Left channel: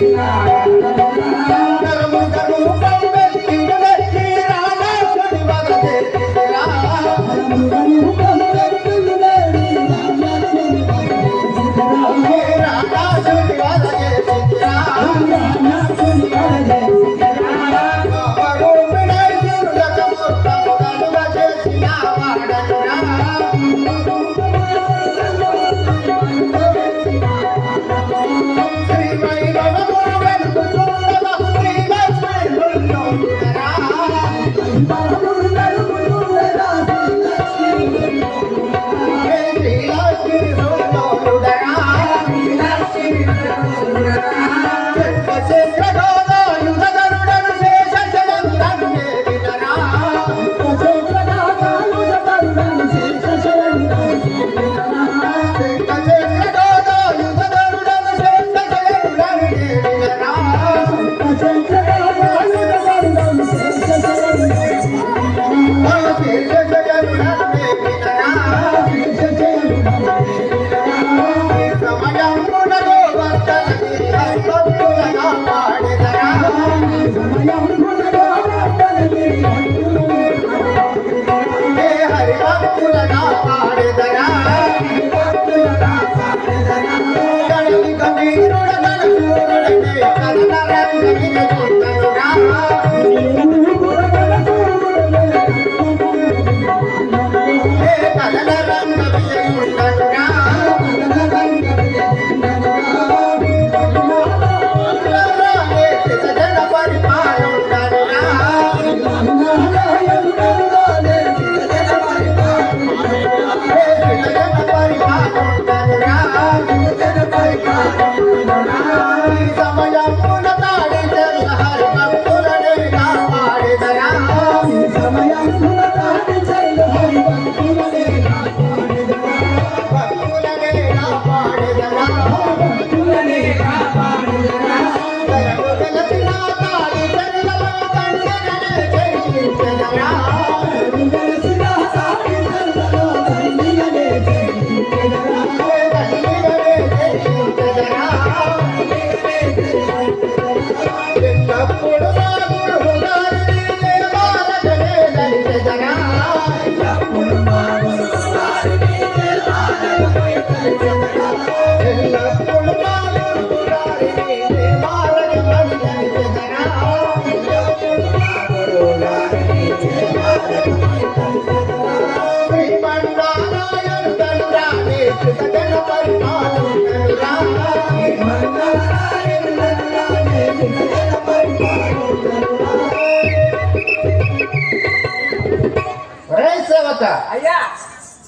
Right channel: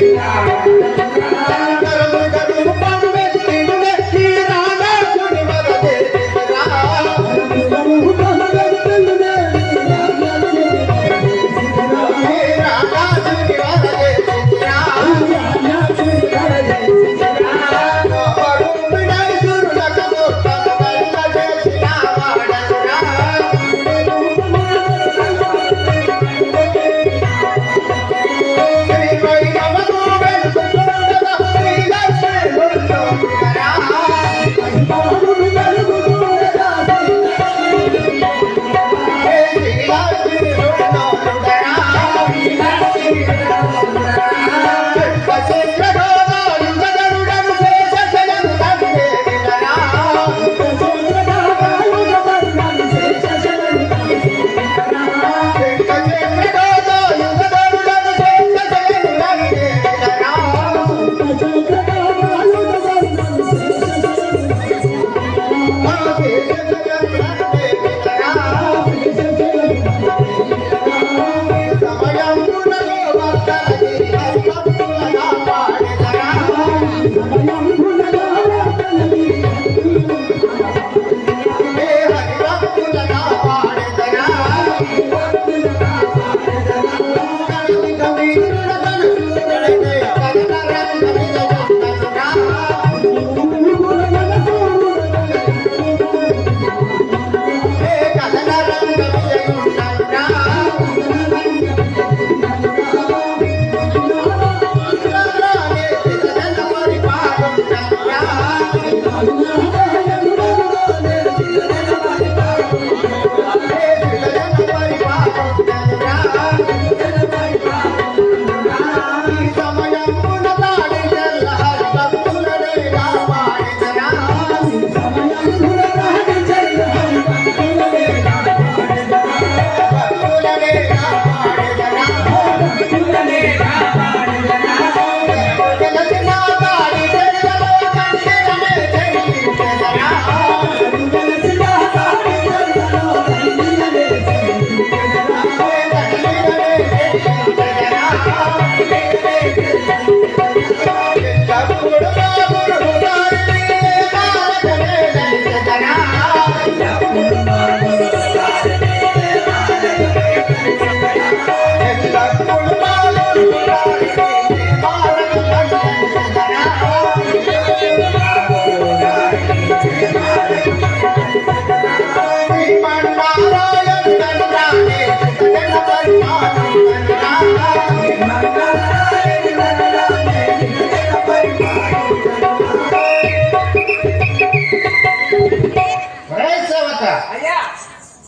Yeah.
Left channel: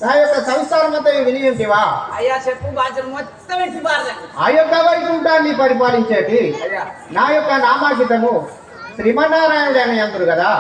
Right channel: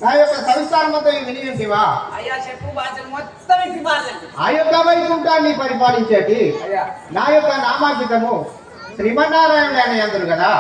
నా యొక్క సంసారం అంతా విని ఉంటివా అయ్యా చెప్పు బాధ్యత మొత్తం ఆ యొక్క వైకుంఠాన్ని పరిపాలించేటి. అయ్యా. నా యొక్క నామాంకితము శ్రీమన్నారాయణుడు అని అందరు కదా?